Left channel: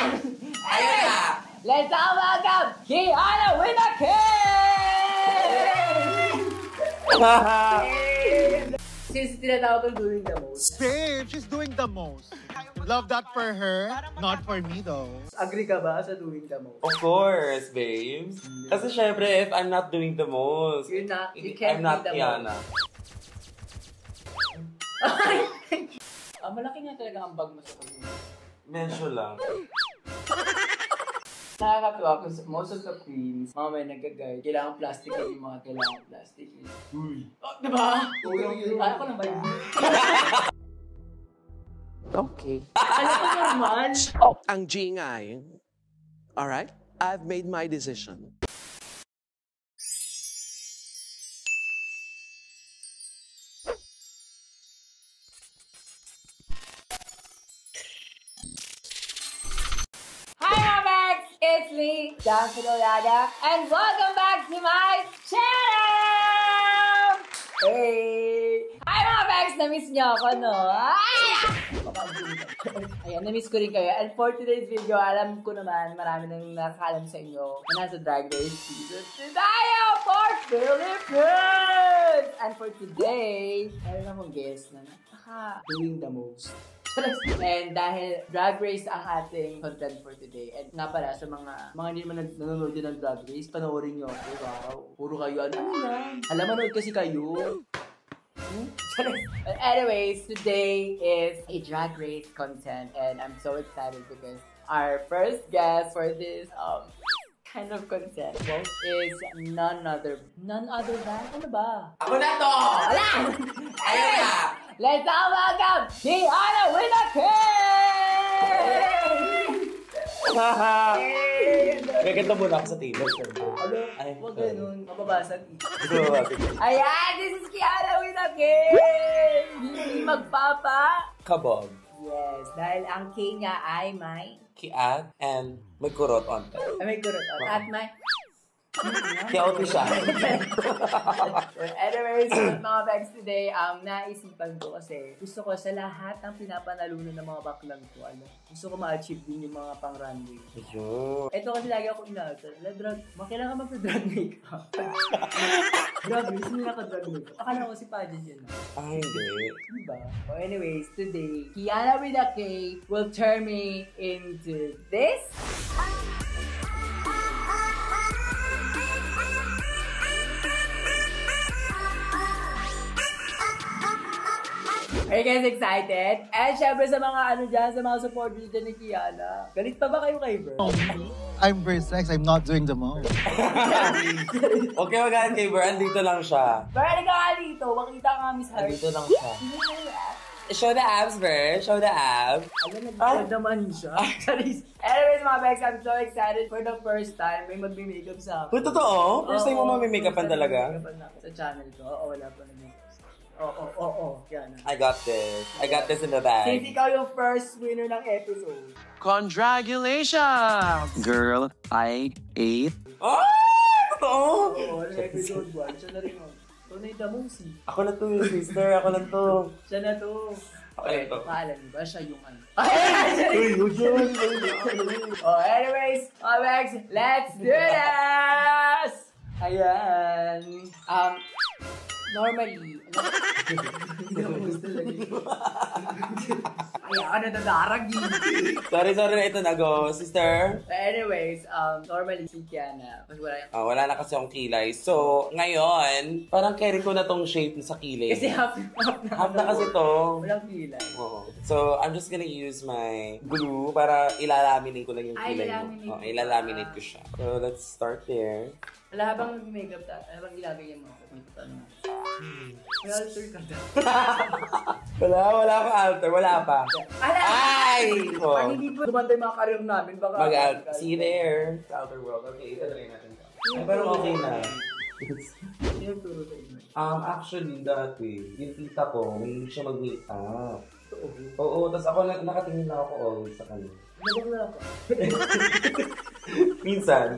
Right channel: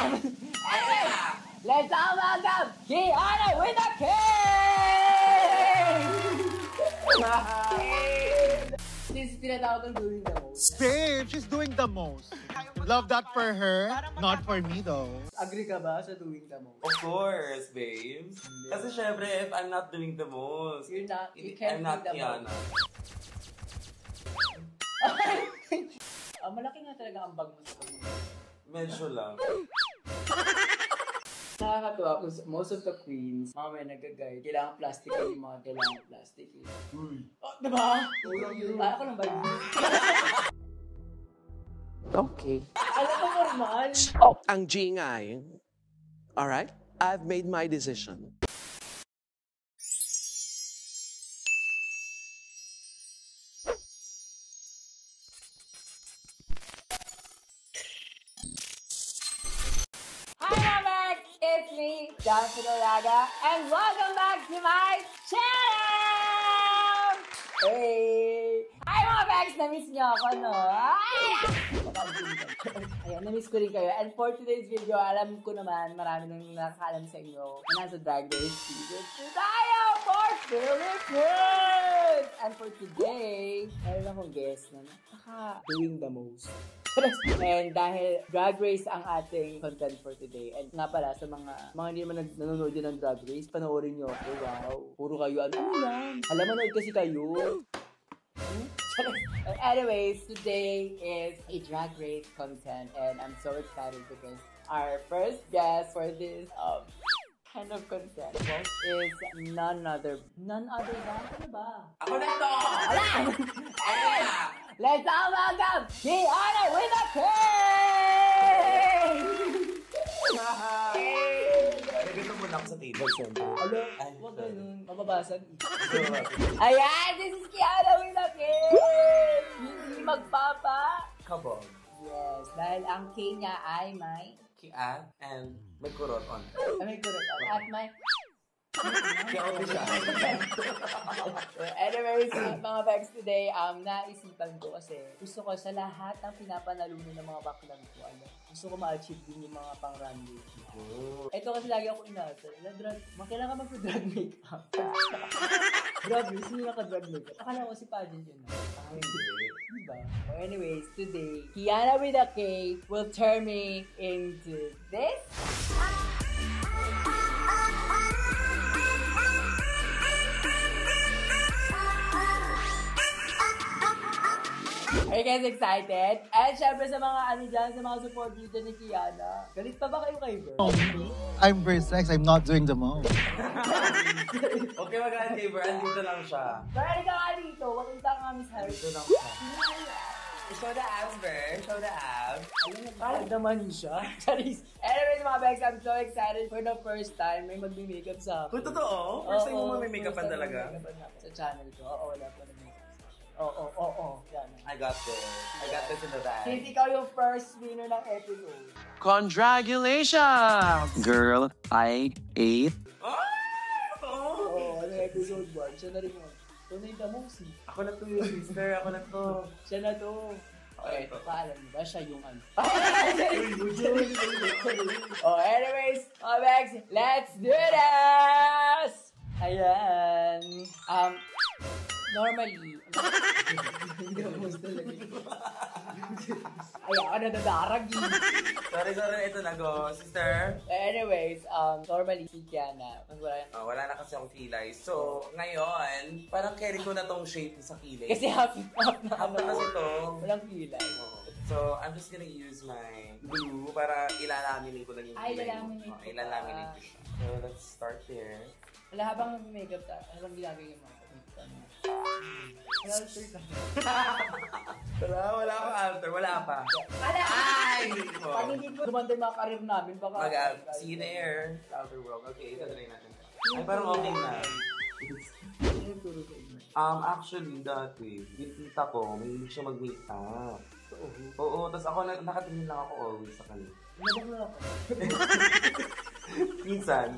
Ayun na! Let's all welcome Kiana with a K! Since tinatawag ko doing the most. Babe, she's doing the most. Love that for her, not for me though. Agree ka ba sa doing the most? Of course, babes. Kasi syempre, if I'm not doing the most, You can't I'm not be the Kiana. Malaki nga talaga ang bag mo sa akin. Medyo lang. Nakakatawa kasi most of the queens, mga may nag-guide, kailangan plastic yung mga kailangan plastic. Uy. Oh, diba? Ako na ba yun? Okay. Ano ko normal? Ang G-ngay. Alright? I've made my decision. Hi mga Max! It's me, Johnson Olaga, and welcome back to my channel! Hey! Hi mga Max! Na-miss niyo ako, no? Ayan, na-miss ko rin kayo. And for today's video, alam ko naman, marami nang nakakaalam sa inyo na nasa Drag Race Season 2 tayo for Philippines! And for today, mayroon akong guest na doing the most. And dahil Drag Race ang ating content for today, and nga pala sa mga hindi naman nanonood din ng Drag Race, panoorin nyo ako. Wow, puro kayo, ano yan? Alam, manood kasi kayo. Anyways, today is a Drag Race content, and I'm so excited because our first guest for this kind of content is none other than, ano ba? Ako na to! Wala! Anyways, let's all welcome Kiana with a K! Gaganda muna ako sa table. Ay, Huwag ganun, mababasag. sorry. Ayan, this is Kiana with a K! Hindi magpapa. Kabog. Yes, dahil ang K niya ay may... Kiat and may kurot on top. May kurot. At may... Kiauto siya. Anyways, mga bags today, naisipan ko kasi gusto ko sa lahat ng pinapanalunan ng mga baklang ko, gusto ko ma-achieve din yung mga pang-runway. Ito kasi lagi ako inasal. Kailangan mag-drag makeup. Drag race, hindi naka-drag makeup. Akala ko si Pageant yun. Ay, hindi. Diba? So anyways, today, Kiana with a K will turn me into this. Are you guys excited? And syempre sa mga sa mga supporters dyan ni Kiana. Galit pa ba kayo kay Bert? I'm Versex, I'm not doing the most. Huwag kayo magahan kay Ber, andito lang siya. Bert, ka nga dito. Makita ka nga, Miss Heart. Andito lang siya. Show the abs, Ber. Show the abs. Alam naman siya. Anyways, mga Bex, I'm so excited for the first time. May magbi-makeup sa akin. Uy, totoo? First time mo mamimake-upan talaga? Sa channel ko. Oo, wala pa naman. Oo, Kiana. I got this. I got this in the bag. Since ikaw yung first winner ng episode. Congratulations! Girl, I ate. Oh! Totoo? Oo, episode 1. Siya na rin. Tunay the most. Ako na to, sister. Ako na to. Siya na to. Okay, ito. Alam niyo ba siya yung ano? Anyways, Alex, let's do this! Ayan. Normally, ayan, nadarag Sorry, ito na go, sister. Anyways, normally si Kiana, Wala na kasi akong kilay. So, ngayon, parang carry ko na tong shape sa kilay. kasi half na kasi to. walang kilay. Oo. So, I'm just gonna use my glue para ilalaminate ko lang yung kilay mo. Ilalaminate ko siya. So, let's start there. Wala habang nag-makeup tayo, ano bang ginagay mo? Wala akong alter. Wala pa. Ay! Pag hindi po dumanda yung mga karir namin, baka... See you there. Sa outer world. Okay, ito try natin. Ay, parang okay na. Actually, dati, yung tita ko, may siya mag-makeup. Oo, tapos ako nakatingin lang ako always sa kanya. Minsan.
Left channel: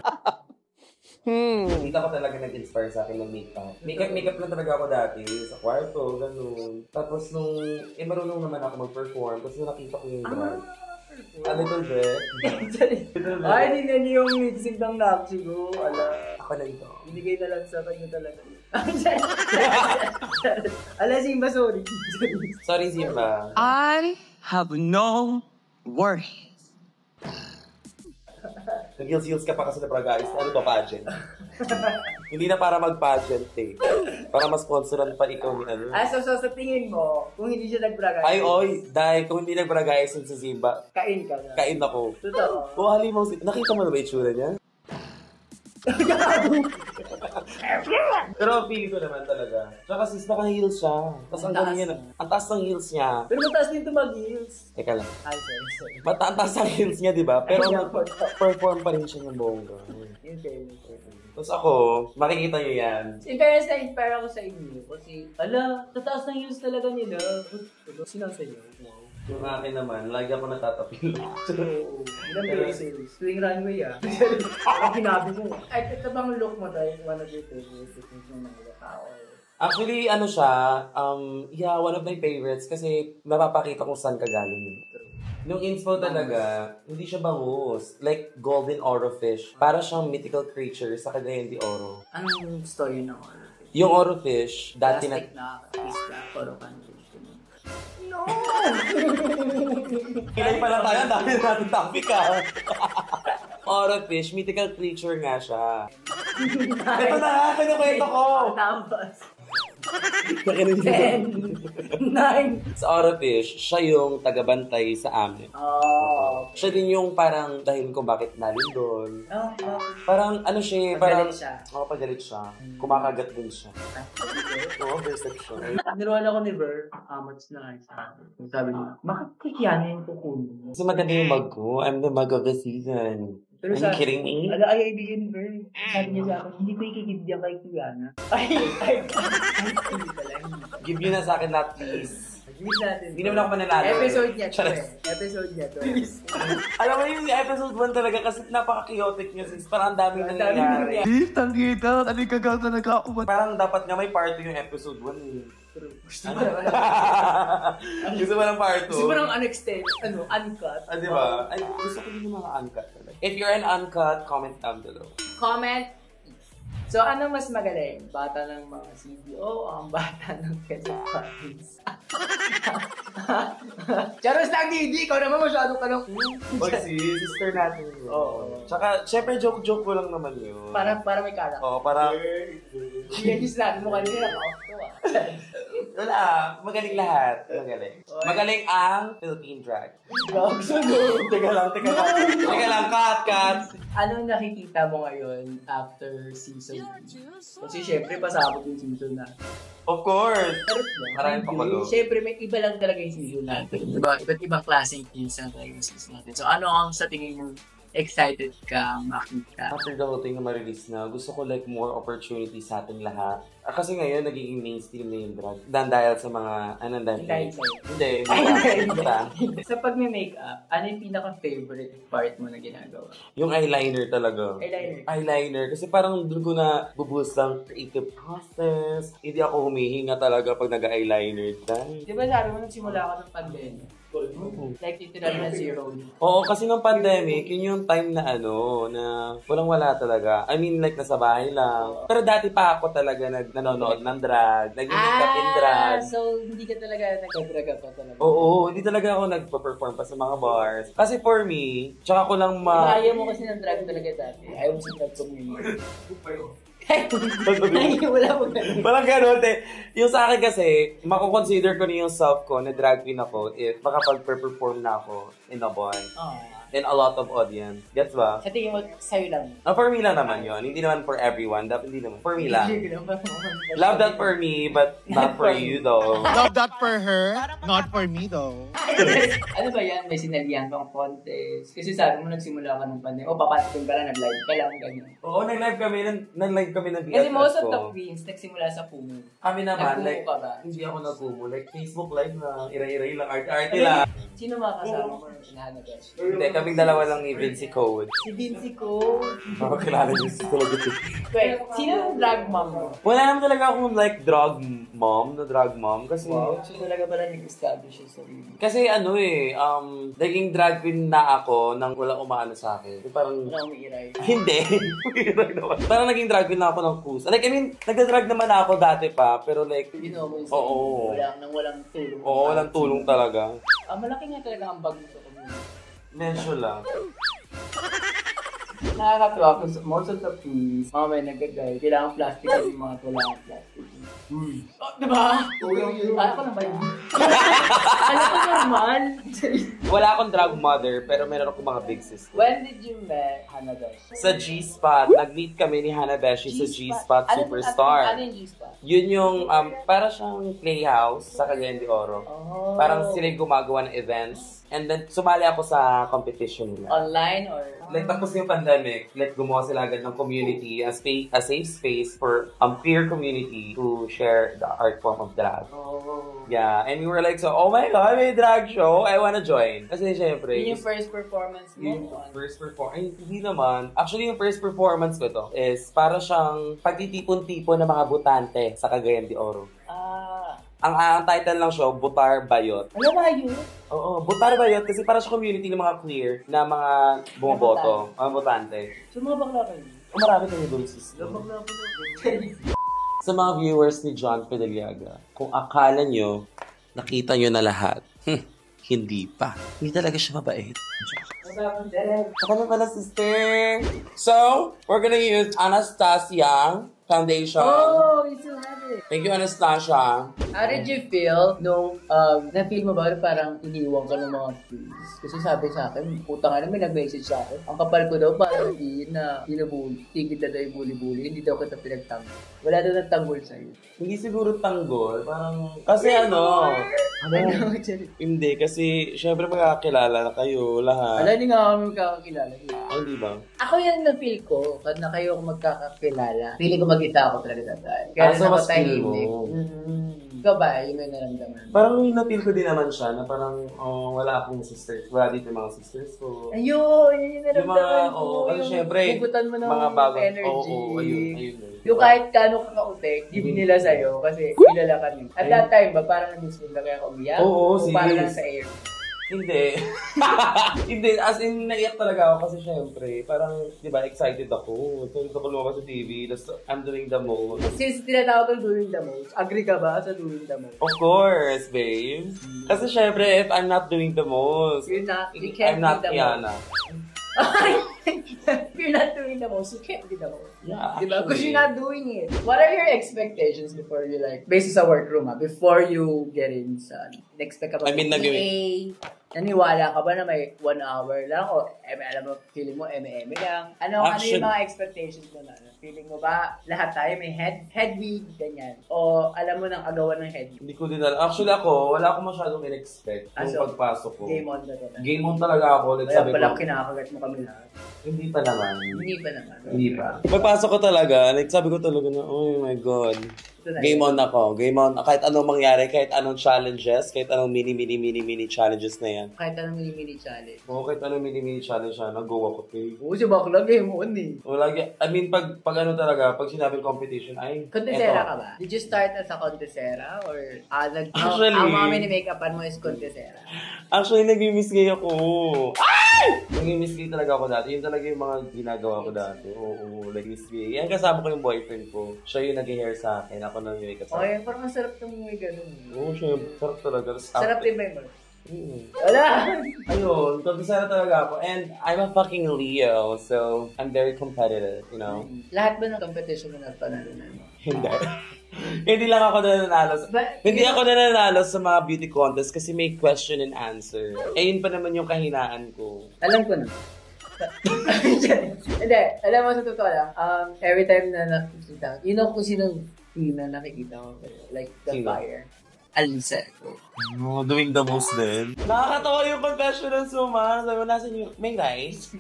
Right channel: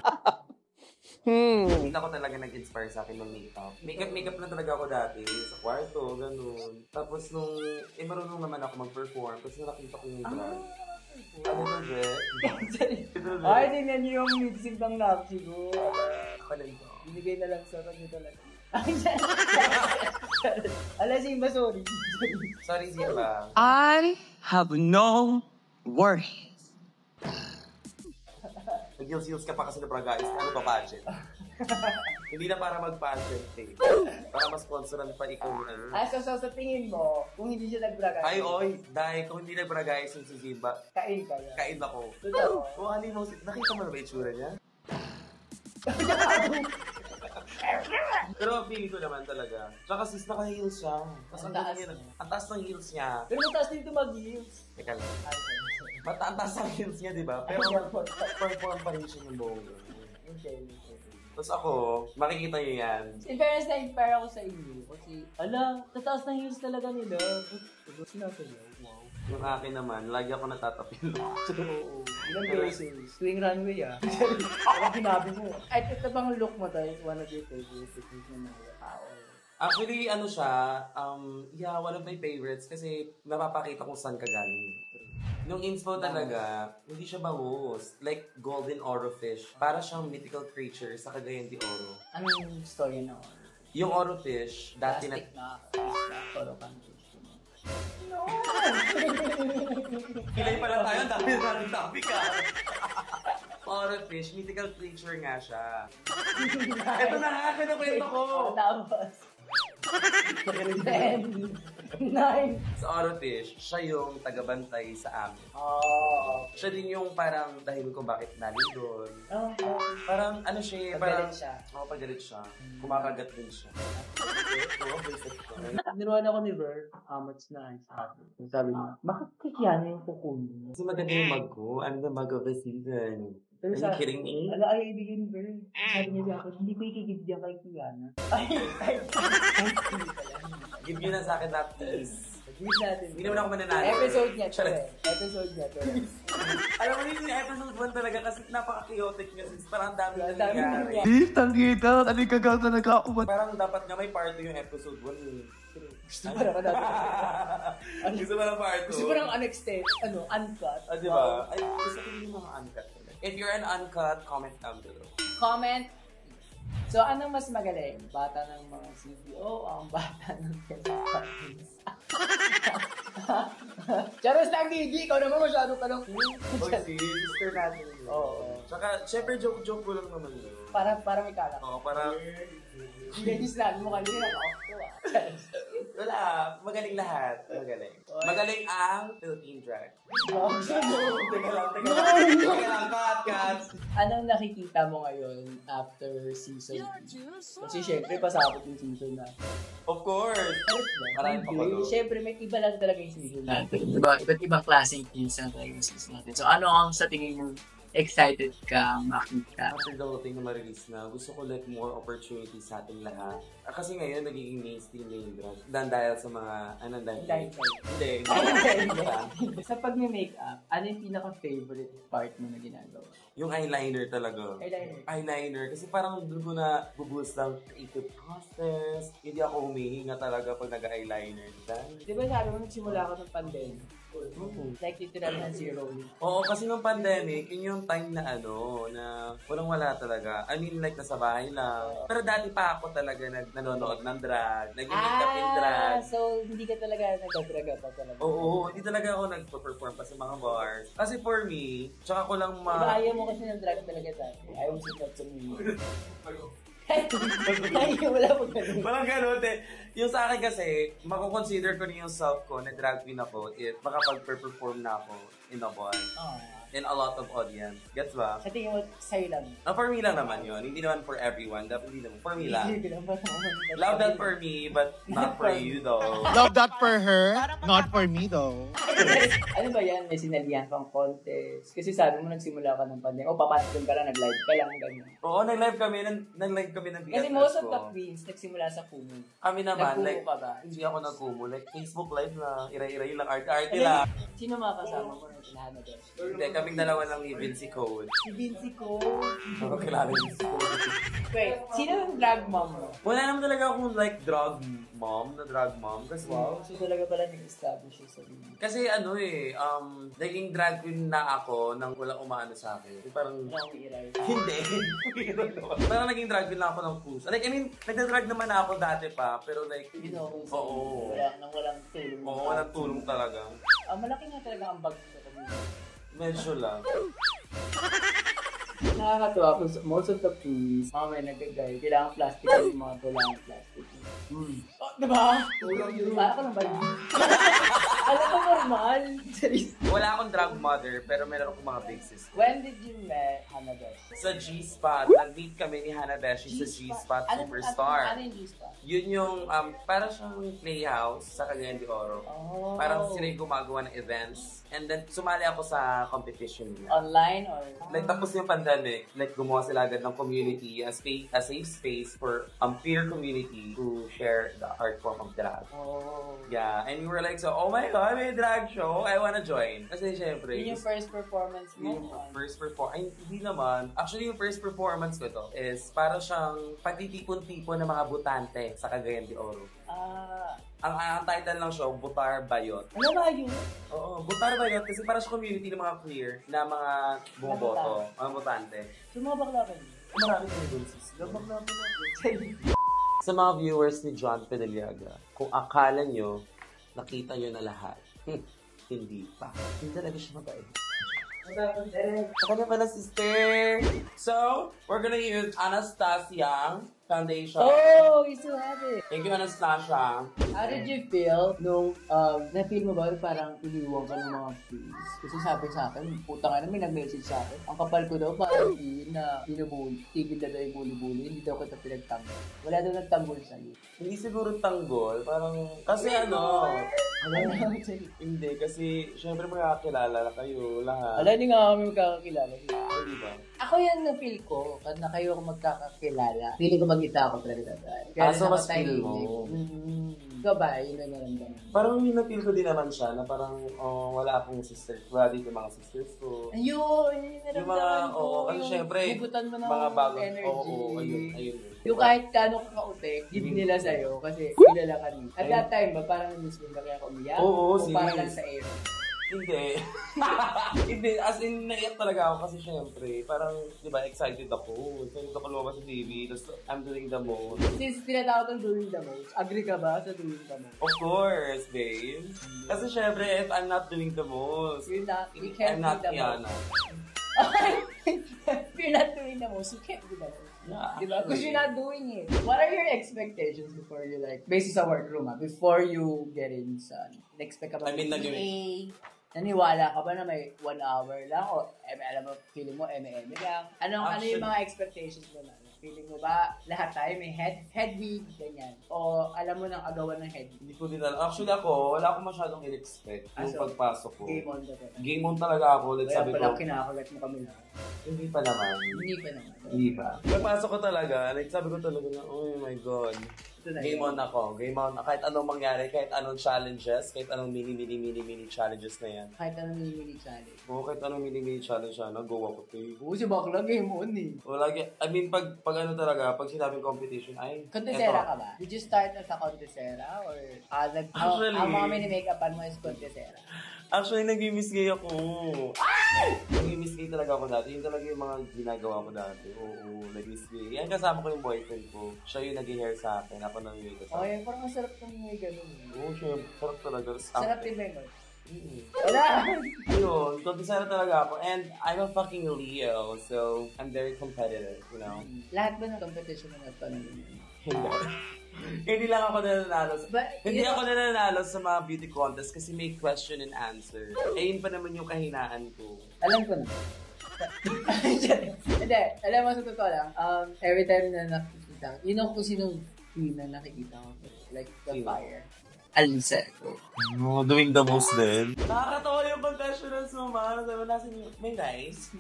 Tita ko talaga nag-inspire sa akin mag-makeup. Makeup lang talaga ako dati, sa kwarto, ganun. Tapos marunong naman ako mag-perform, tapos nung nakita ko yung drag. Ano to, Jeff? Ay, tingnan niyo yung mixing ng Nakshi ko. Ako na ito. Hindi kayo talaga sa kanya talaga. Ala, Simba, sorry. Sorry, Simba. I have no worries. Nag-heels ka pa kasi na guys. Ano ba pageant? Hindi na para mag-pageant eh. Para ma-sponsoran pa ikaw ni ano. So sa tingin mo, kung hindi siya nagbraga. Ay, oy, dahil kung hindi nagbragayas si Simba, kain ka na. kain ako. Totoo. Kung halimang nakita mo na ba itsura niya? Pero feeling ko naman talaga. Tsaka sis, naka-heels siya. Tapos ang galing niya. Ang taas ng heels niya. Pero mataas din ito mag-heels. Teka lang. Ay, sorry. Ang taas ng heels niya, di ba? Pero perform pa rin siya ng bongga. Tapos ako, makikita niyo yan. In fairness, na-inspire ako sa inyo. Kasi, tataas ng heels talaga nila. Sinasayaw. Yung akin naman, lagi ako natatapil. Oo. Ilang beses. Tuwing runway Ang ginabi mo. Ay, ito bang look mo tayo? One of your favorites. Yung mga tao. Actually, ano siya, one of my favorites kasi mapapakita kung saan ka galing. Nung info talaga, hindi siya bangus. Like golden oro fish. Para siyang mythical creature sa Cagayan de Oro. Anong story ng oro fish? Yung oro fish, dati Plastic na oro fish. No! Kilay pa lang tayo, ang dami natin topic oro fish, mythical creature nga siya. Ito na, kinukwento ko! Tapos. 10, 9. Sa oro fish, siya yung tagabantay sa amin. Oh. Siya din yung parang dahil kung bakit nalindol. Oh. Parang ano siya, parang... Pagalit siya. Oo, pagalit siya. Kumakagat din siya. Oo, perception. Niruan ako ni Ver, much na sabi. Sabi niya, bakit kikiyanin ko kuno? Kasi maganda yung mug ko. I'm the mug of the season. Pero Are you kidding me? Ay, ibigin ni Ver. Sabi niya sa akin, hindi ko ikikibdiyan kay Kiana. Ay. Give you na sa akin lahat, please. Natin. Hindi naman ako mananalo. Episode niya to Episode niya to Alam mo yung episode 1 talaga kasi napaka-chaotic niya sis. Parang ang daming nangyayari. Tang kita, tali kagaw na nagkaubat. Parang dapat nga may part 2 yung episode 1. Gusto mo naman. Gusto mo ng part 2? Gusto mo ng unextended, uncut. Ah, di ba? Ay, gusto ko din yung mga uncut talaga. If you're an uncut, comment down below. Comment. So, ano mas magaling? Bata ng mga CDO o ang bata ng Quezon-Province? Charos lang, Didi! Ikaw naman masyado ka lang. Oy, sister natin yun. Oo. Tsaka, syempre, joke-joke ko lang naman yun. Para may kala. Oo, para... Yan yung sinabi mo kanina. Wala, magaling lahat. Magaling. Magaling ang Philippine drag. Teka lang. Teka lang, cut. Anong nakikita mo ngayon after season 2? Kasi syempre, pasabot yung season na. Of course. Maraming pakulo. Syempre, may iba lang talaga yung season natin. Iba't ibang klaseng teams na talaga yung season natin. So, ano ang sa tingin mo excited ka makita? After the whole thing na ma-release na, gusto ko like more opportunities sa ating lahat. Kasi ngayon, nagiging mainstream na yung drag. Dahil sa mga, Dahil sa'yo. Hindi. Sa pag-makeup, ano yung pinaka-favorite part mo na ginagawa? Yung eyeliner talaga. Eyeliner. Eyeliner. Kasi parang doon ko na buboost ang creative process. Hindi ako humihinga talaga pag nag-eyeliner. Di ba sabi mo nagsimula ako ng pandemic? Like literal na zero. Oo, kasi nung pandemic, yun yung time na na walang-wala talaga. I mean, like, nasa bahay lang. Pero dati pa ako talaga nanonood ng drag, nag-makeup in drag. So hindi ka talaga nag-drag pa talaga? Oo, hindi talaga ako nagpa-perform pa sa mga bars. Kasi for me, tsaka ko lang ayaw mo kasi ng drag talaga dati. Ayaw mo sa drag community. Wala mo ganun. Walang ganun, Yung sa akin kasi, mako-consider ko na yung self ko na drag queen ako if makapag-perform na ako in a bar. In a lot of audience. Gets ba? Sa tingin mo, sa'yo lang. For me lang naman yun. Hindi naman for everyone. Dapat hindi naman. For me lang. Love that for me, but not for you though. Love that for her, not for me though. Ano ba yan? May sinalihan kang contest. Kasi sabi mo nagsimula ka ng pandemic. O papatipin ka na, nag-live ka lang. Ganyan. Oo, nag-live kami ng BFF Kasi most of ko. the queens nagsimula sa Kumu. Kami naman, Nag-Kumu like, ka ba? hindi ako nag-Kumu. Like, Facebook live na, ira-ira lang, arte-arte lang. Si Sino mga kasama mo yung hinahanap? Hindi, kaming dalawa lang ni Vinci Code. Si Vinci ko. Makakilala niyo si Code. Wait, sino yung drag mom mo? Wala naman talaga akong like drag mom. Kasi, So talaga pala nag-establish yung sarili. kasi ano eh, naging drag queen na ako nang wala umaano sa akin. Parang, Wala akong iray. hindi. Parang naging drag queen na ako ng puso. Like, I mean, nagda-drag naman ako dati pa, pero like, You know, oo. walang tulong. Oo, walang tulong talaga. Malaki nga talaga ang bagay sa community. Medyo lang. Nakakatawa kung most of the fees, mga may nagagay, kailangan plastic yung mga tulang plastic. Oh, diba? Tulong yun. Ano ko naman yun? Ano ko normal? Wala akong drag mother, pero meron akong mga big sister. When did you met Hanabesh? Sa G-Spot, nag-meet kami ni Hanabeshi sa G-Spot Superstar. Ano yung G-Spot? Yun yung, para siyang playhouse sa Cagayan de Oro. Oh. Parang sila yung gumagawa ng events. And then, sumali ako sa competition nila. Online or? Like, tapos yung pandemic, like, gumawa sila agad ng community, a safe space for peer community to share the art form of drag. Oh. Yeah, and we were like, so, oh my God, may drag show, I wanna join. Kasi syempre, Yun yung first performance mo? ay, hindi naman. Actually, yung first performance ko to is para siyang pagtitipon-tipon ng mga butante sa Cagayan de Oro. Ah. Ang title ng show, Butar Bayot. Ano ba yun? Oo, Butar Bayot kasi para sa community ng mga clear na mga bumoboto, mga butante. So mga bakla kayo? Marami kami doon, sis. Bakla ko. Sa mga viewers ni John Pedaliaga, kung akala nyo, nakita nyo na lahat, hindi pa. Hindi talaga siya mabait. Ako na pala, sister. So, we're gonna use Anastasia foundation. Oh, we still have it. Thank you, Anastasia. How did you feel nung na-feel mo ba parang iniwan ka ng mga fees? Kasi sabi sa akin, puta nga na may nag-message sa akin. Ang kapal ko daw parang na binubuli. Tigil na daw yung buli-buli. Hindi daw kita pinagtanggol. Wala daw nagtanggol sa'yo. Hindi siguro tanggol. Parang, kasi ano, hindi, kasi syempre magkakilala na kayo lahat. Alam niyo nga kami magkakakilala. Hindi ba? Ako yung na-feel ko, pag na kayo magkakakilala, feeling ko mag-isa ako talaga tatay. So, mas feel mo. Ikaw ba, yun yung naramdaman? Parang yung na-feel ko din naman siya na parang wala akong sisters. Wala dito yung mga sisters ko. Ayun, yun yung naramdaman ko. Kasi yung syempre, hugutan mo ng mga bagong, energy. ayun. Yung kahit kano ka ka-utek, give nila sa'yo kasi kilala ka nila. At that time ba, parang na-miss mo na kaya umiyak? Oo, O parang sis. nasa air? Hindi. Hindi, as in, naiyak talaga ako kasi syempre, parang, di ba, excited ako. So, gusto ko lumabas sa TV, tapos I'm doing the most. Since tinatawag kang doing the most, agree ka ba sa doing the most? Of course, babe. Kasi syempre, if I'm not doing the most, You can't I'm not do the Kiana. If you're not doing the most, you can't be the most. Yeah, Diba? Because you're not doing it. What are your expectations before you like, basis sa workroom before you get in sa, expect ka ba? I mean, Naniwala ka ba na may 1 hour lang? O, alam mo, feeling mo, eme lang? Ano yung mga expectations mo na? Feeling mo ba, lahat tayo may head wig, ganyan? O, alam mo nang agawan ng head wig? Hindi ko din alam. Actually ako, wala akong masyadong in-expect nung So, pagpasok ko. Game on ka talaga. Game on talaga ako. Like, Kaya sabi pala ko, kinakagat mo kami lahat. hindi pa naman. Hindi pa naman. Hindi pa. Pagpasok ko talaga, like sabi ko talaga na, oh my God. Game on ako. Game on. Kahit anong mangyari, kahit anong challenges, kahit anong mini challenges na yan. Kahit anong mini challenge. Oo, kahit anong mini challenge na, nag-go ako. Okay. Oo, si bakla game on eh. O, lagi, I mean, pag ano talaga, pag sinabing competition, ay, Contesera eto. ka ba? Did you start as a contesera? Or Actually, ang mga mini-makeupan mo is contesera? Actually, nag-miss gay ako. Ay! Nag-miss gay talaga ako dati. Yun talaga yung mga ginagawa ko dati. Oo, nag-miss gay. Yan, kasama ko yung boyfriend ko. Siya yung nag-hair sa akin. Ako nang yung makeup sa Okay, akin. parang ang sarap ng may ganun. Oo, siya. Sarap talaga. Sarap din ba yung Wala! Ayun, contestant talaga ako. And I'm a fucking Leo, so I'm very competitive, you know? Lahat ba ng competition na nagpanalunan mo? Hindi. Hindi lang ako nananalo. Hindi ako nananalo sa mga beauty contest kasi may question and answer. Eh, yun pa naman yung kahinaan ko. Alam ko na. Hindi, alam mo sa totoo lang, every time na nakikita, you know kung sino na nakikita ko, like the Sino? fire. Alseco. No, doing the most din. Nakakatawa yung confession ng Suma. Sabi mo, nasan yung, may rice?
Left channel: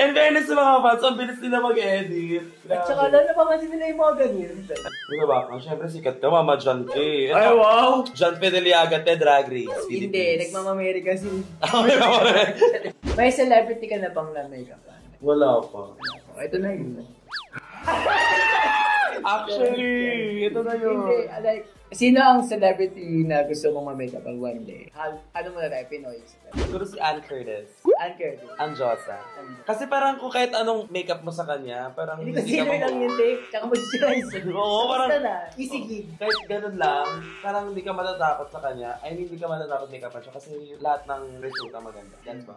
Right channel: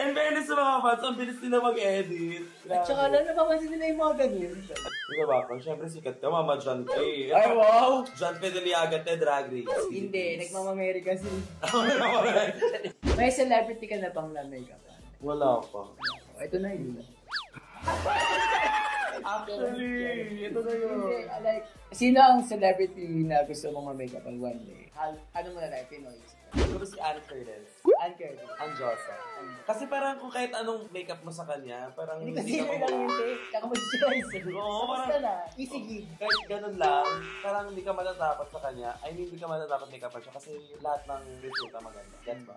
And then, sa mga fans, ang bilis nila mag-edit. At saka lang, napapansin nila yung mga ganyan. Di ba ba? Siyempre, sikat ka, Mama John P. Ay, wow! John P. Deliaga, Drag Race. Hindi, nagmamameri kasi. May celebrity ka na bang na makeup? Wala pa. Ito na yun. Actually, ito na yun. Hindi, like, sino ang celebrity na gusto mong ma-makeup ang one day? Ano muna tayo, Pinoy? Siguro si Ann Curtis. Ann Curtis. Ang Josa. Kasi parang kung kahit anong makeup mo sa kanya, parang Hindi ko sino lang yun, Dave. Tsaka moisturizer. Oo, parang Basta na, easy gig. kahit ganun lang, parang hindi ka matatakot sa kanya. I mean, hindi ka matatakot make-upan siya kasi lahat ng resulta maganda. That's ba?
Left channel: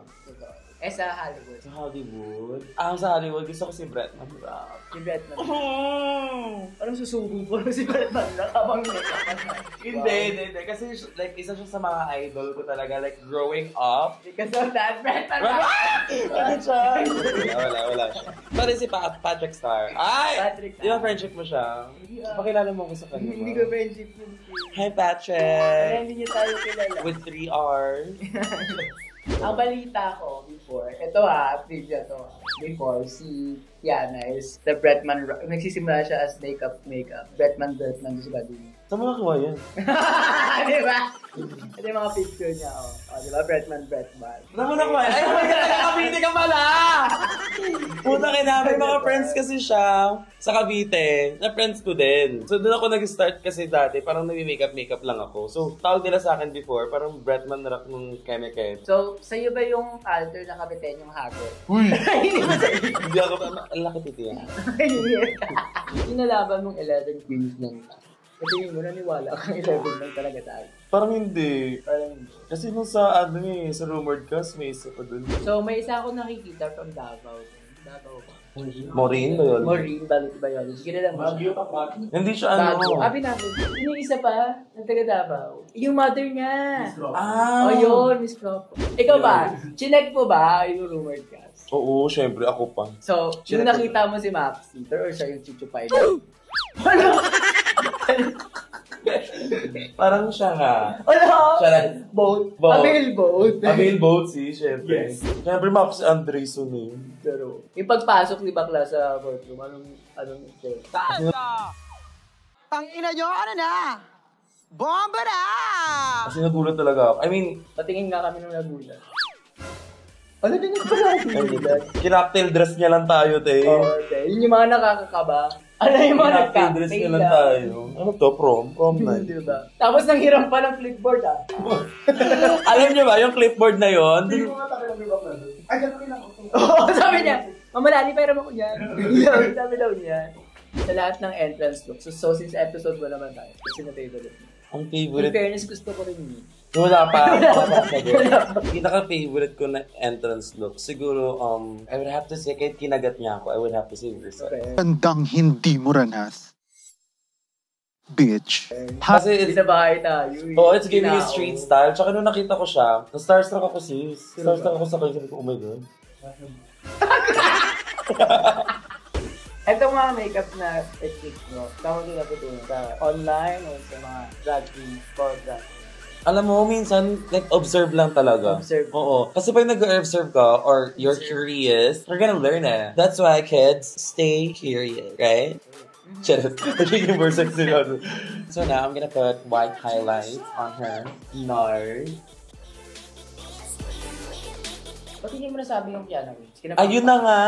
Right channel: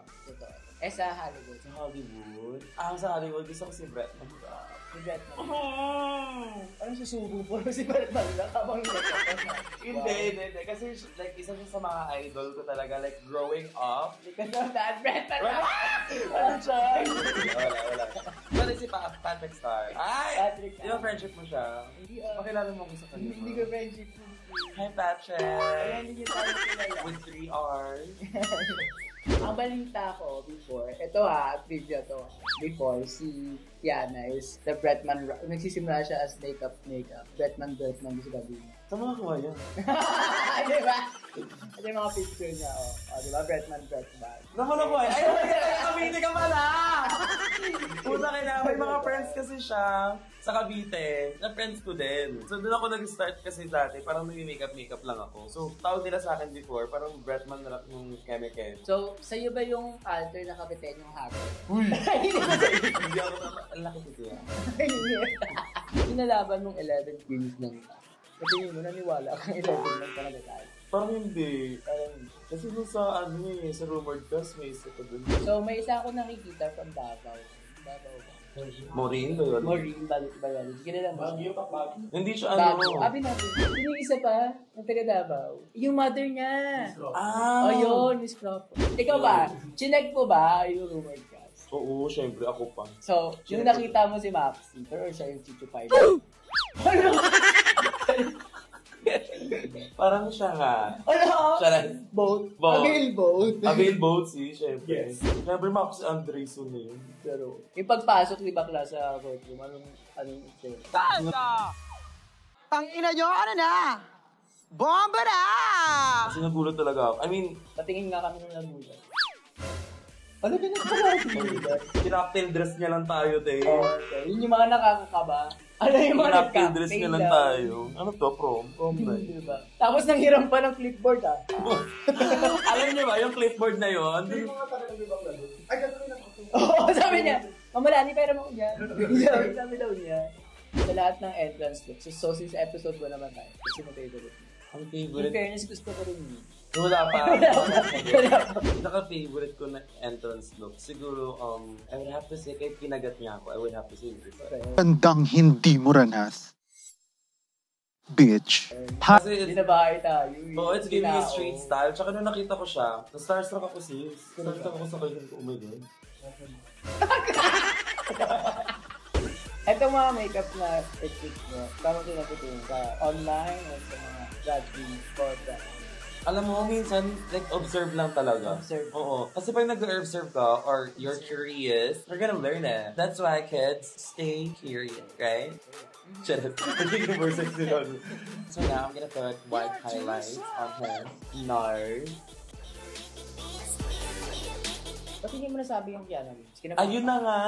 Sa Hollywood. Sa Hollywood? Sa Hollywood, gusto ko si Brett. Si Brett man. Anong susubo po si Brett man? Nakabang Hindi. Kasi like, isa siya sa mga idol ko talaga. Like, growing up. Because of that, Brett man. Ano siya? Wala. Sorry si Patrick Star. Ay! Patrick Star. Di ba friendship mo siya? Pakilala mo ko sa kanya. Hindi ko friendship yun. Hi, Patrick! Kaya hindi niyo tayo kilala. With 3 R's. Ang balita ko before, ito trivia to. Before, si Tiana is the Bretman, nagsisimula siya as makeup. Bretman doon sa Badun. Saan mo nakuha yan? Diba? Ito yung mga picture niya, diba? Bretman. Saan mo nakuha yan? Ay, Cavite ka pala! Puta may mga friends kasi siya sa Cavite, na friends ko din. So doon ako nag-start kasi dati, parang nag-makeup lang ako. So tawag nila sa akin before, parang Bretman rock nung Keme-Kem. So, sa'yo ba yung alter na Cavite yung hagod? Uy! Hindi ako, ang laki titi yan. Pinalaban mong 11 queens lang. Kasi yun mo, naniwala kang 11 lang talaga tayo. Parang hindi. Kasi nung sa sa rumored cast, may isa pa dun. So, may isa ako nakikita from Davao. Davao ba? Maureen ba yun? Maureen Biology. Kilala mo siya? Hindi siya Bago. Natin. Yung isa pa, ang taga Davao. Yung mother niya. Ah! Yun, Miss Crawford. Ikaw ba? Chinek mo ba yung rumored cast? Oo, syempre. Ako pa. So, yung nakita mo si Maxi, or siya yung chuchupay. Parang siya ha. Siya lang. Boat. Avail boat. Avail boat, syempre. Yes. Syempre, Max Andreson eh. Pero, yung pagpasok ni Bakla sa courtroom, anong Ang ina nyo, ano na? Bomba na! Kasi nagulat talaga ako. I mean, patingin nga kami nung nagulat. Ano din yung nagulat? kinaktail dress niya lang tayo, te. Okay. Yun yung mga nakakakaba. Ano yung mga Kinaktail dress niya lang tayo. Ano to? Prom night. Diba? Tapos nanghiram pa ng clipboard Alam niyo ba, yung clipboard na yon? Oo, sabi niya, Mamalani, pera mo ko yan. Sabi daw niya. Sa lahat ng entrance look. So since episode 1 naman tayo. Kasi mo favorite mo. Ang In favorite. fairness, gusto ko rin yun. Wala pa. Pinaka-favorite ko na entrance look. Siguro, I would have to say, kahit kinagat niya ako, I would have to say Versailles. Tandang hindi mo ranas. Bitch. Kasi Hindi sa bahay tayo. it's giving me street style. Tsaka nung nakita ko siya, na-starstruck ako sis. Starstruck ako sa kanya. Sabi ko, oh my God. Itong mga makeup na techniques mo, saan mo ito natutunan? Sa online o sa mga drag queens or drag queens? Alam mo, minsan, observe lang talaga. Observe. Oo. Kasi pag nag-observe ka, or you're curious, you're gonna learn it. That's why, kids, stay curious, right? Charot. Yung more sexy yun. So now, I'm gonna put white highlights on her nose. Ba't hindi mo nasabi yung piano wings? Ayun na nga.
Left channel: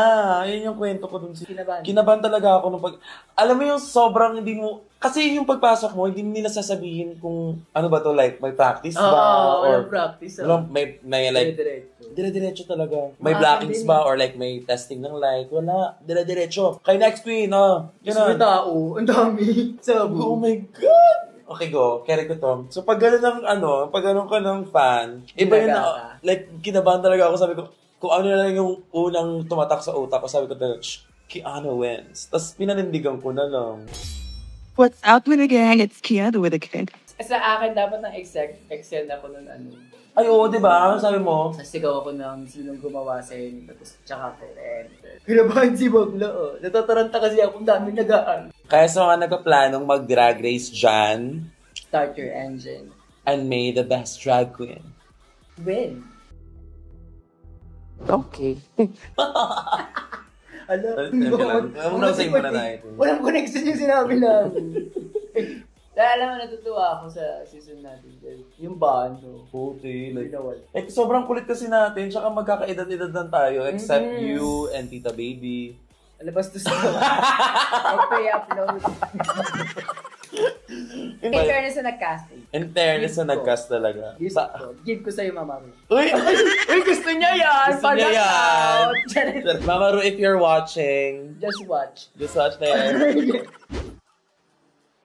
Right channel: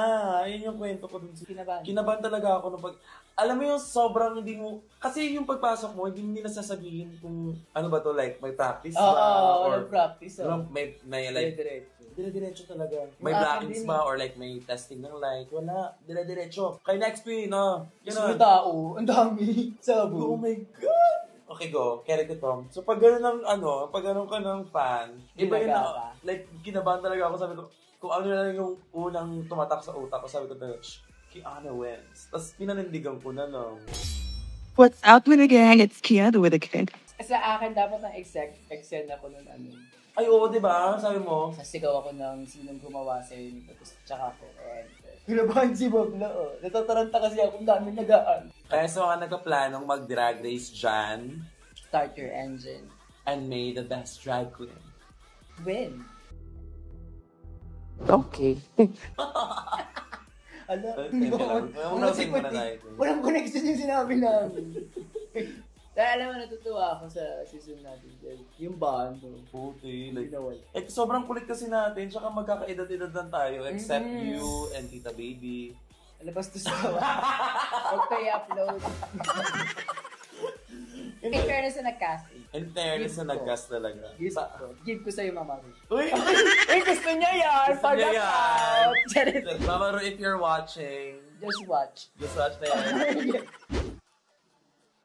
Ayun yung kwento ko dun. Kinabahan talaga ako nung alam mo yung sobrang hindi mo, kasi yung pagpasok mo, hindi nila sasabihin kung ano ba to, like, may practice ba? Walang practice. May like, dire-diretso talaga. May blockings ba? Or like, may testing ng light? Wala. Dire-diretso. Kay next queen, Gusto may tao. Ang dami. Oh my God! Okay, go. Carry ko to. So, pag gano'n pag gano'n ka ng fan, iba yun na, like, kinabahan talaga ako. Sabi ko, kung ano na lang yung unang tumatak sa utak ko, sabi ko talaga, Kiana wins. Tapos, pinanindigan ko na lang. What's up with the gang? It's Kiana with a gang. Sa akin, dapat ng Excel na ko nun Ay, oo, di ba? Sabi mo? Nasigaw ako ng sinong gumawa sa inyo. Tapos, tsaka ko, Kinabahan si Bagla, Natataranta kasi ako, dami nagaan. Kaya sa mga nagka-planong mag-drag race dyan, Start your engine. And may the best drag queen Win. Okay. Unasing mo na tayo. Walang connection yung sinabi namin. Dahil alam mo, natutuwa ako sa season natin. Yung bando. Puti. Like, Like, sobrang kulit kasi natin, tsaka magkakaedad-edad lang tayo, except you and Tita Baby. alabas to sa mag-pay-upload. In fairness na nag-casting. In fairness na nag-cast talaga. Give ko sa'yo, Mama Ru. Uy! Uy, gusto niya yan! Gusto niya yan! Out. Mama Ru, if you're watching, Just watch. just watch na yan.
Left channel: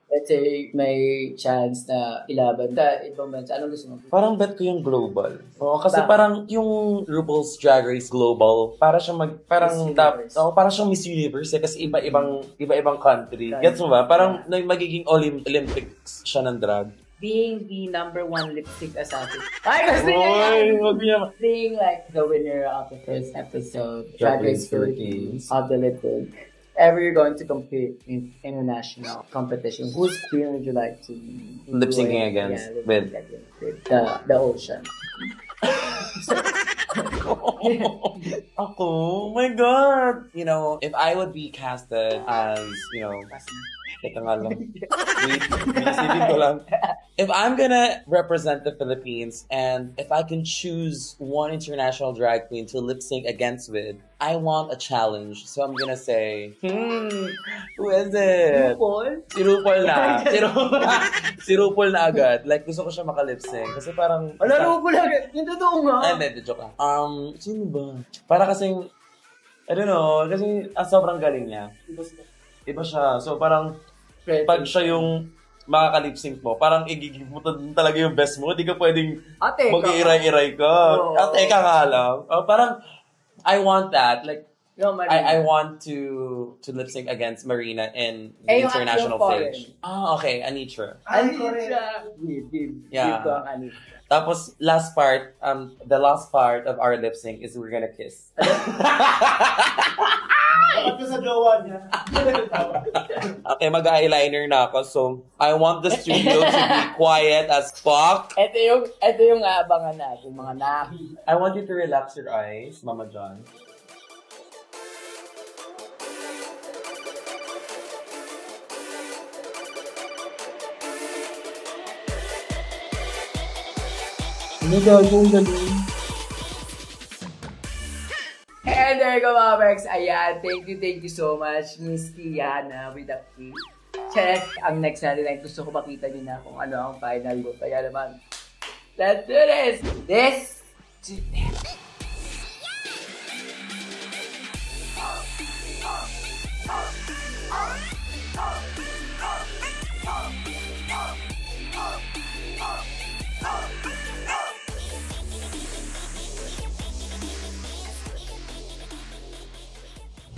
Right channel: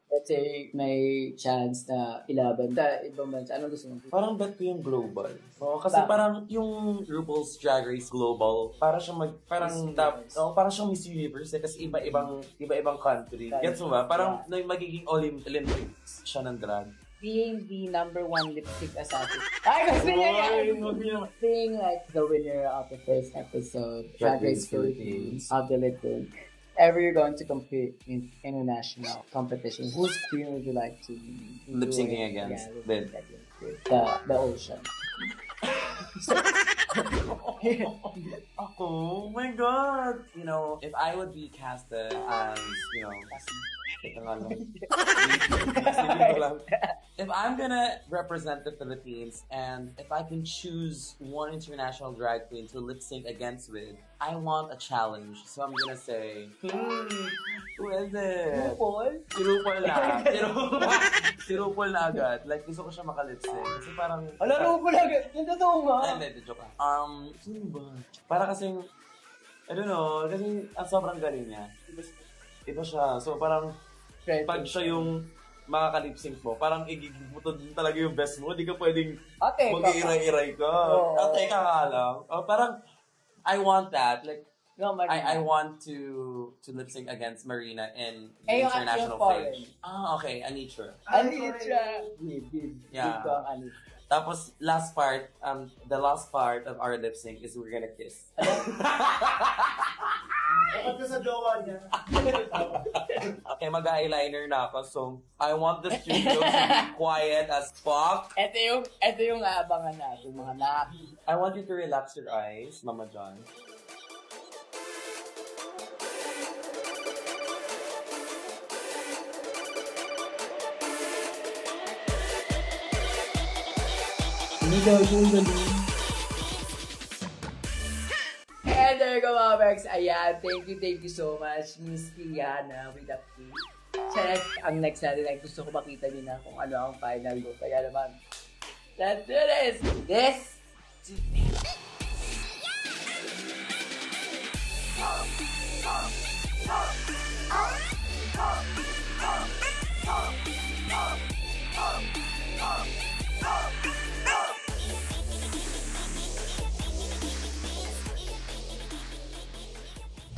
Let's say, may chance na ilaban sa ibang bansa. Anong gusto mo? Parang bet ko yung global. Oo, kasi Bakit? parang yung RuPaul's Drag Race Global, para siyang parang siyang Miss Universe eh, kasi iba-ibang country. Gets mo ba? Parang magiging Olympics siya ng drag. Being the number one lip-sync assassin. Ay, gusto niya yan! Being like the winner of the first episode, Drag Race Philippines, of the lip-sync. Ever you're going to compete in international competition, whose queen would you like to Lip syncing against? With the ocean. Ako? Oh my God! You know, if I would be casted as, you know, teka nga lang. Isipin ko lang. If I'm gonna represent the Philippines and if I can choose one international drag queen to lip sync against with, I want a challenge. So I'm gonna say, who is it? RuPaul? Si RuPaul na. Si RuPaul na agad. Like, gusto ko siya makalip sync. Kasi parang... RuPaul agad. Yung totoo nga. Ay, hindi, joke lang. Sino ba? Para kasing, I don't know, kasi sobrang galing niya. Iba siya. So parang, pag siya yung makakalip-sync mo, parang igigib mo talaga yung best mo. Hindi ka pwedeng mag-iiray-iray ka. Teka nga lang. Parang, I want that. Like, I want to lip sync against Marina in the international stage. Okay, Anitra. Give ko ang Anitra. Tapos, the last part of our lip sync is we're gonna kiss. Dapat ko sa jowa niya. Okay, mag-eyeliner na ako. So, I want the studio to be quiet as fuck. Ito yung aabangan natin, mga naki. I want you to relax your eyes, Mama John. And there you go, mga Bex. Ayan, thank you so much, Miss Kiana with the P. Check, ang next natin ay gusto ko makita niyo na kung ano ang final look. Kaya naman, let's do this! This to this.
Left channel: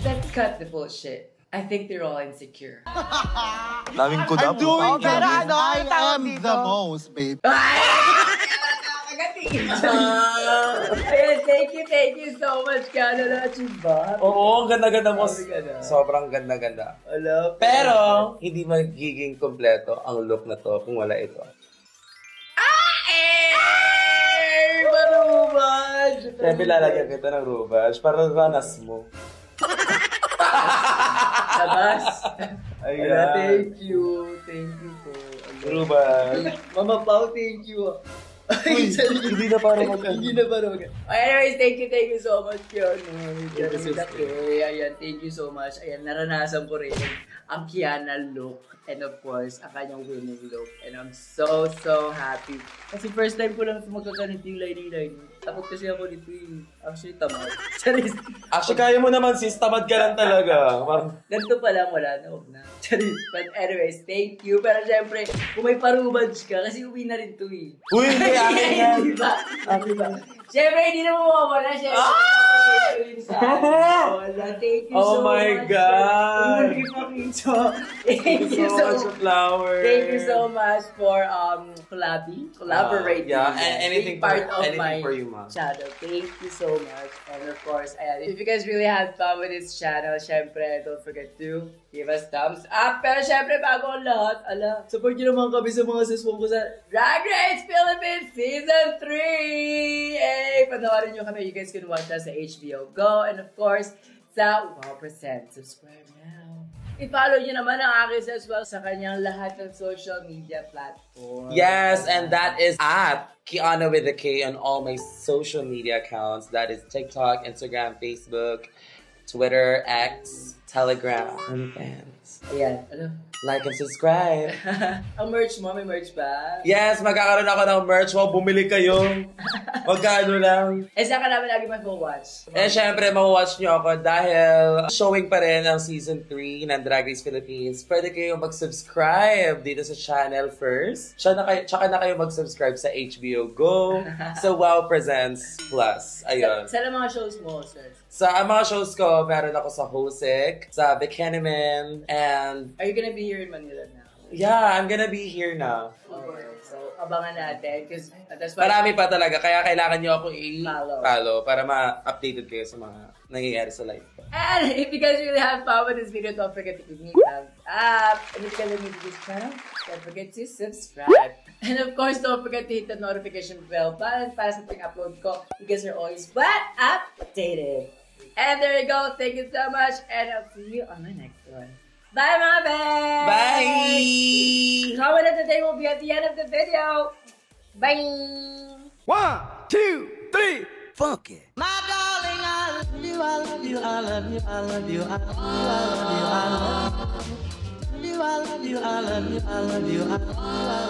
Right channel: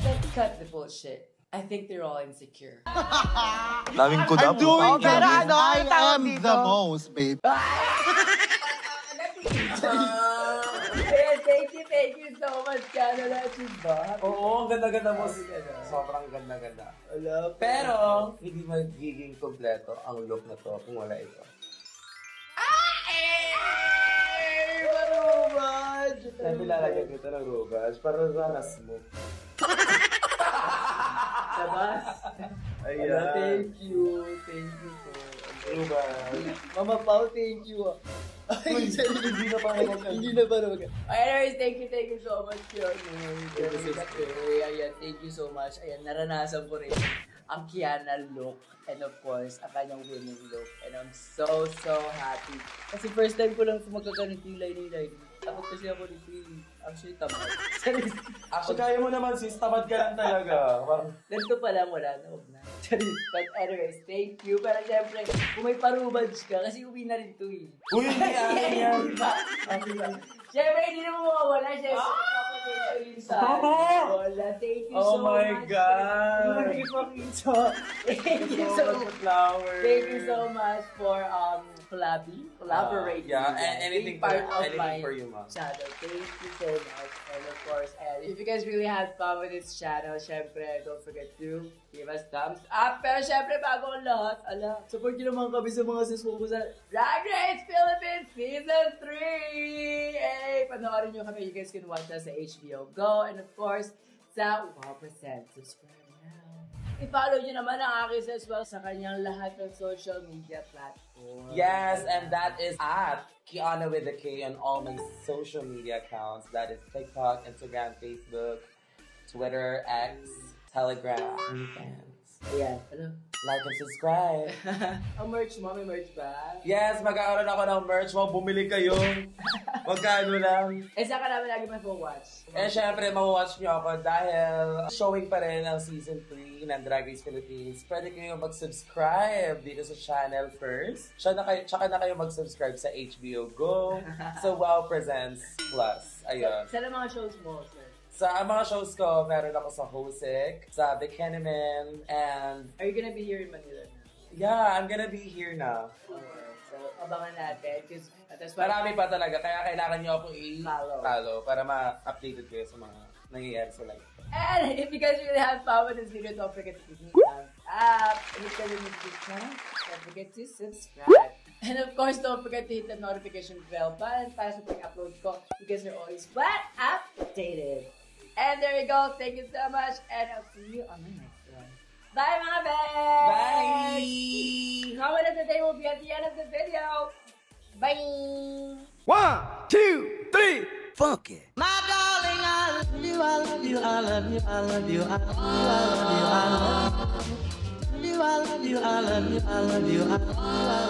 Let's cut the bullshit. I think they're all insecure. I'm doing this. I am the most, babe. Thank you so much, Canada Chimba. Oo, ang ganda-ganda mo. Sobrang ganda-ganda. Pero, hindi magiging kompleto ang look na to kung wala ito. Marubaj! Siyempre, lalagyan kita ng rubaj para ranas mo. Labas. Ayan. Thank you po. Rubaj. Mama Pao, thank you. Hindi na parang Anyways, thank you so much yun. Ayan, thank you so much. Ayan, naranasan ko rin ang Kiana look. And of course, ang kanyang winning look. And I'm so happy. Kasi first time ko lang magkaganito yung lining. Takot kasi ako dito yung actually tamad. Actually, kaya mo naman sis, tamad ka lang talaga. Ganito pa lang, wala na, huwag na. But anyways, thank you. Pero syempre, kung may parubadge ka, kasi uwi na rin to eh. Uy, hindi akin yan. Diba? Syempre, hindi na mawawala. Syempre, papapagay ko yun sa Thank you Oh so my much. God. Thank you so much. Flowers. Thank you so much for collaborating. Yeah, and anything Being part of anything my for you, ma. channel. Thank you so much. And of course, ayan, if you guys really had fun with this channel, syempre, don't forget to give us thumbs up. Pero syempre, bago ang lahat, support nyo naman kami sa mga suswong ko sa Drag Race Philippines Season 3! Hey! Panoorin nyo kami. You guys can watch us sa HBO Go. And of course, sa Wow Present. Subscribe now. I-follow nyo naman ang akin as well sa kanyang lahat ng social media platforms. Yes, and that is at Kiana with a K on all my social media accounts. That is TikTok, Instagram, Facebook, Twitter, X, Telegram, and fans. Ayan. Like and subscribe. Ang merch mo, may merch ba? Yes, magkakaroon ako ng merch. Wow, bumili kayo. Magkano lang. Eh, saan ka namin lagi mag-watch? Eh, syempre, ma-watch nyo ako dahil showing pa rin ang Season 3 ng Drag Race Philippines. Pwede kayo mag-subscribe dito sa channel first. Tsaka na kayo mag-subscribe sa HBO Go, sa Wow Presents Plus. Ayun. Sa mga shows mo, sir? Sa mga shows ko, meron ako sa Hosek, sa Bikiniman, and Are you gonna be here in Manila now? yeah, I'm gonna be here now. So, abangan natin. Because that's why... Marami pa talaga, kaya kailangan nyo ako Follow. i-follow para ma-updated kayo sa mga nangyayari sa life ko. And if you guys really have fun with this video, don't forget to give me a thumbs up. And if you're new to this channel, don't forget to subscribe. And of course, don't forget to hit the notification bell button para sa pag-upload ko. You guys are always updated. And there you go. Thank you so much. And I'll see you on my next one. Bye, mga babes! Bye! Comment of the day will be at the end of the video. Bye! 1, 2, 3, funk it. My darling, I love you, I love you, I love you, I love you, I love you, I love you, I love you, I love you, I love you, I love you, I love you, I love you.